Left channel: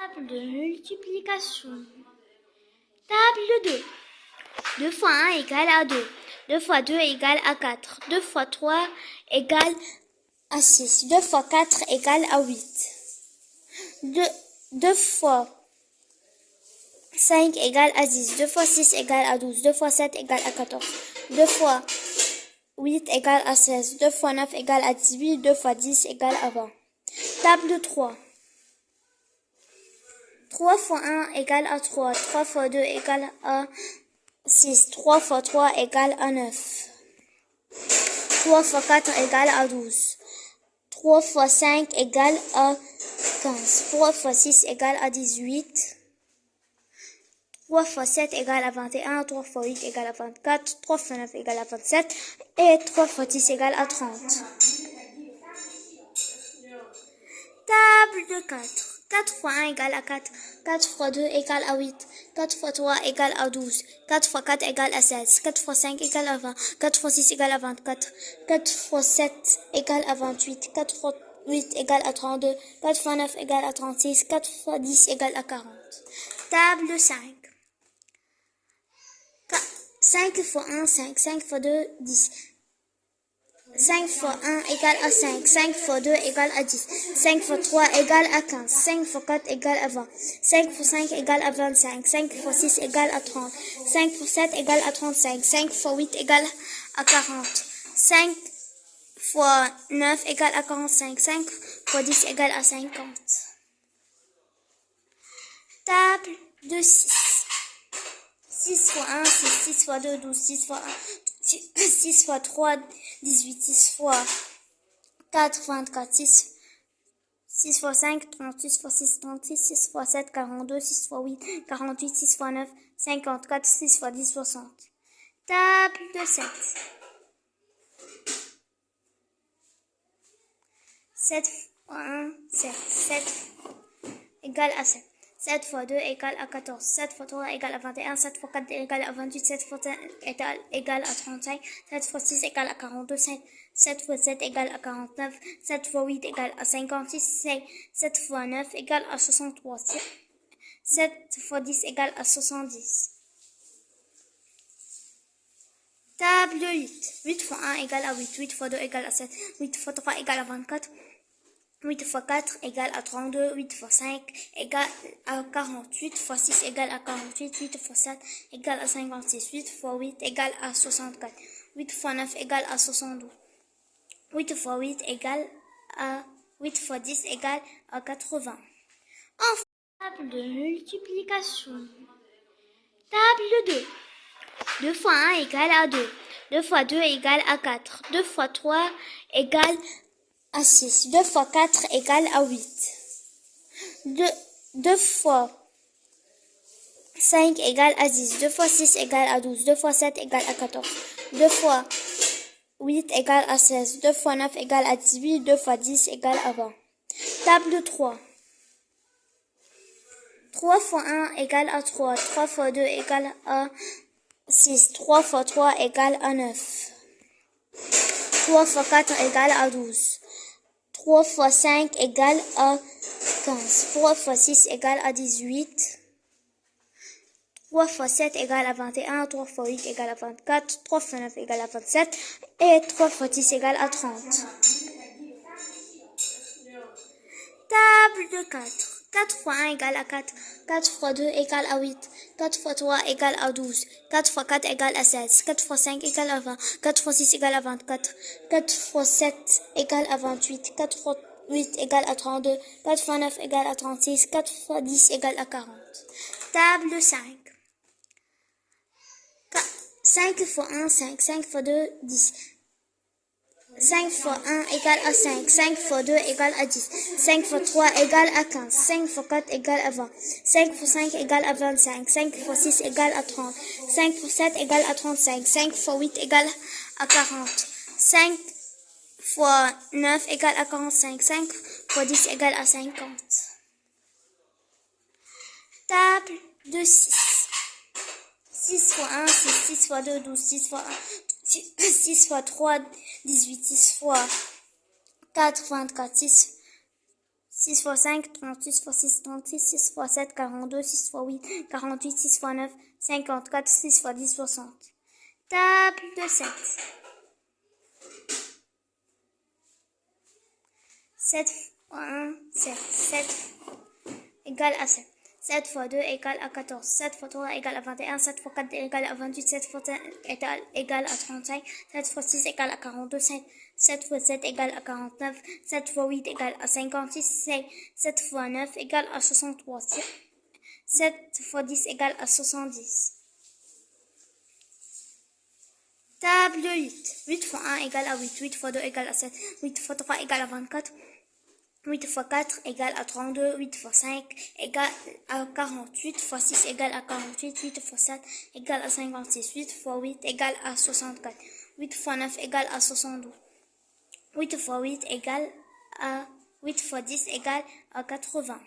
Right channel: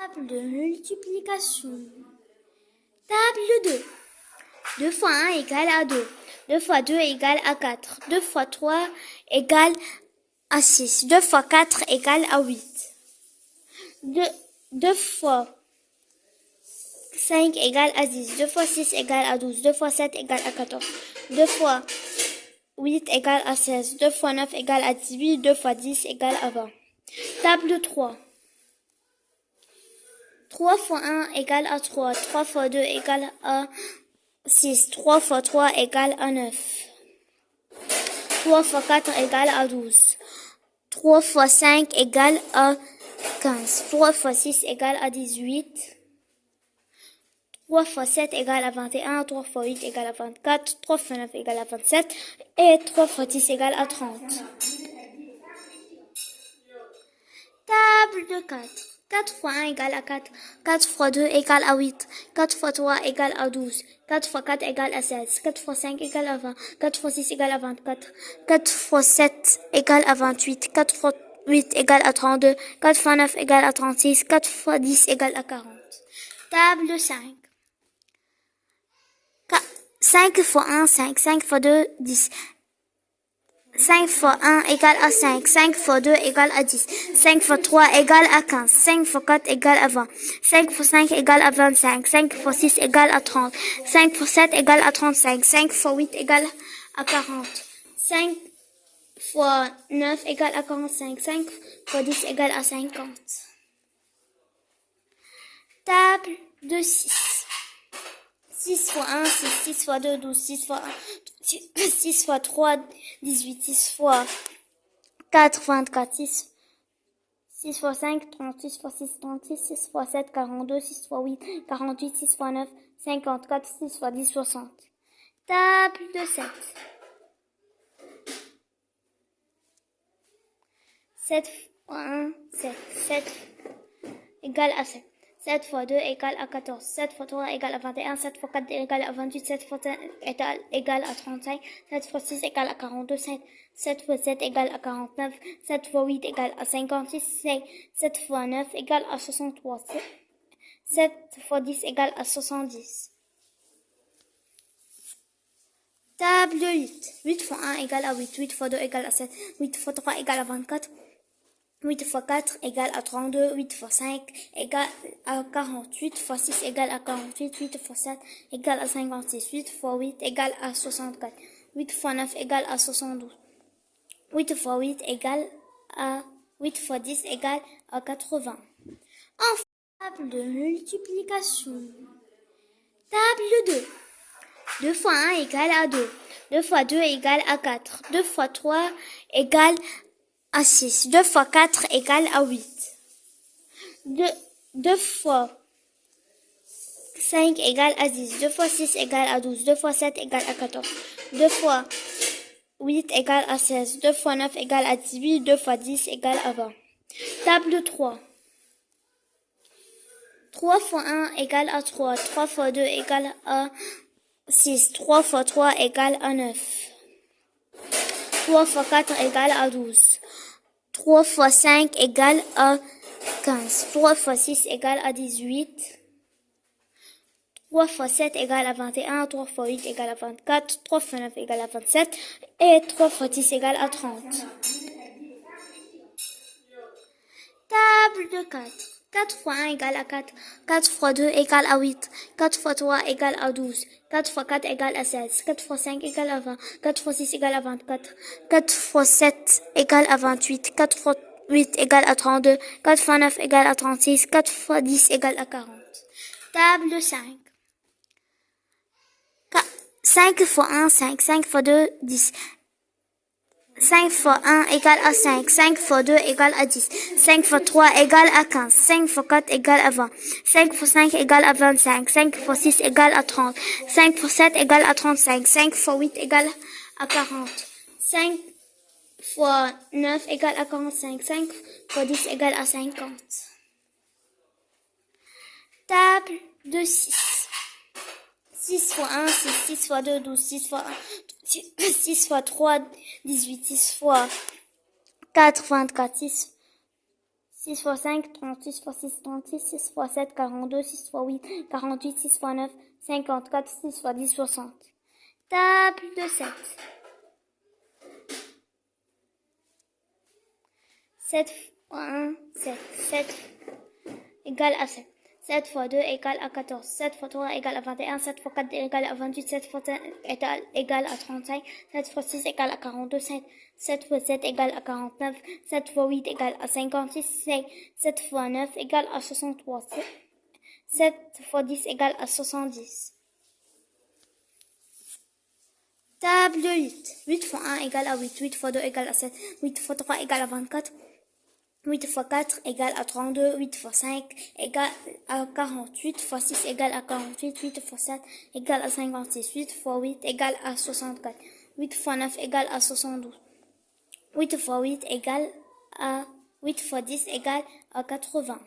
Table de multiplication. Table 2. 2 fois 1 égale à 2. 2 fois 2 égale à 4. 2 fois 3 égale à 6. 2 fois 4 égale à 8. 2 fois 5 égale à 10. 2 fois 6 égale à 12. 2 fois 7 égale à 14. 2 fois 8 égale à 16. 2 fois 9 égale à 18. 2 fois 10 égale à 20. Table 3. 3 fois 1 égale à 3. 3 fois 2 égale à 6. 3 fois 3 égale à 9. 3 fois 4 égale à 12. 3 fois 5 égale à 15. 3 fois 6 égale à 18. 3 fois 7 égale à 21. 3 fois 8 égale à 24. 3 fois 9 égale à 27. Et 3 fois 10 égale à 30. Table de 4. 4 fois 1 égale à 4. 4 fois 2 égale à 8. 4 fois 3 égale à 12. 4 fois 4 égale à 16. 4 fois 5 égale à 20. 4 fois 6 égale à 24. 4 fois 7 égale à 28. 4 fois 8 égale à 32. 4 fois 9 égale à 36. 4 fois 10 égale à 40. Table de 5. 5 fois 1, 5. 5 fois 2, 10. 5 fois 1 égale à 5. 5 fois 2 égale à 10. 5 fois 3 égale à 15. 5 fois 4 égale à 20. 5 fois 5 égale à 25. 5 fois 6 égale à 30. 5 fois 7 égale à 35. 5 fois 8 égale à 40. 5 fois 9 égale à 45. 5 fois 10 égale à 50. Table de 6. 6 fois 1, 6. 6 fois 2, 12. 6 fois 1, 6 fois 3, 18. 6 fois 4, 24. 6 fois 5, 30. 6 fois 6, 36. 6 fois 7, 42. 6 fois 8, 48. 6 fois 9, 54. 6 fois 10, 60. Table de 7. 7 fois 1, 7. 7 égale à 7. 7 fois 2 égale à 14. 7 fois 3 égale à 21. 7 fois 4 égale à 28. 7 fois 5 égale à 35. 7 fois 6 égale à 42. 7 fois 7 égale à 49. 7 fois 8 égale à 56. 7 fois 9 égale à 63. 7 fois 10 égale à 70. Table 8. 8 fois 1 égale à 8. 8 fois 2 égale à 7. 8 fois 3 égale à 24. 8 fois 4 égale à 32, 8 fois 5 égale à 48, 8 fois 6 égale à 48, 8 fois 7 égale à 56, 8 fois 8 égale à 64, 8 fois 9 égale à 72, 8 fois 8 égale à 8 fois 10 égale à 80. Enfin, table de multiplication. Table 2. 2 fois 1 égale à 2. 2 fois 2 égale à 4. 2 fois 3 égale à 6. 2 fois 4 égale à 8. 2 fois 5 égale à 10. 2 fois 6 égale à 12. 2 fois 7 égale à 14. 2 fois 8 égale à 16. 2 fois 9 égale à 18. 2 fois 10 égale à 20. Table 3. 3 fois 1 égale à 3. 3 fois 2 égale à 6. 3 fois 3 égale à 9. 3 fois 4 égale à 12. 3 fois 5 égale à 15. 3 fois 6 égale à 18. 3 fois 7 égale à 21. 3 fois 8 égale à 24. 3 fois 9 égale à 27. Et 3 fois 10 égale à 30. Table de 4. 4 fois 1 égale à 4. 4 fois 2 égale à 8. 4 fois 3 égale à 12. 4 fois 4 égale à 16. 4 fois 5 égale à 20. 4 fois 6 égale à 24. 4 fois 7 égale à 28. 4 fois 8 égale à 32. 4 fois 9 égale à 36. 4 fois 10 égale à 40. Table de 5. 5 fois 1, 5. 5 fois 2, 10. 5 fois 1 égale à 5. 5 fois 2 égale à 10. 5 fois 3 égale à 15. 5 fois 4 égale à 20. 5 fois 5 égale à 25. 5 fois 6 égale à 30. 5 fois 7 égale à 35. 5 fois 8 égale à 40. 5 fois 9 égale à 45. 5 fois 10 égale à 50. Table de 6. 6 fois 1, 6. 6 fois 2, 12. 6 fois 1, 6 fois 3, 18. 6 fois 4, 24. 6 fois 5, 30, 6 fois 6, 36, 6 fois 7, 42, 6 fois 8, 48, 6 fois 9, 54, 6 fois 10, 60. Table de 7. 7 fois 1, 7. 7 égale à 7. 7 fois 2 égale à 14. 7 fois 3 égale à 21. 7 fois 4 égale à 28. 7 fois 5 égale à 35. 7 fois 6 égale à 42. 7 fois 7 égale à 49. 7 fois 8 égale à 56. 7 fois 9 égale à 63. 7 fois 10 égale à 70. Table 8. 8 fois 1 égale à 8. 8 fois 2 égale à 7. 8 fois 3 égale à 24. 8 fois 4 égale à 32, 8 fois 5 égale à 48, 8 fois 6 égale à 48, 8 fois 7 égale à 56, 8 fois 8 égale à 64, 8 fois 9 égale à 72, 8 fois 8 égale à 8 fois 10 égale à 80.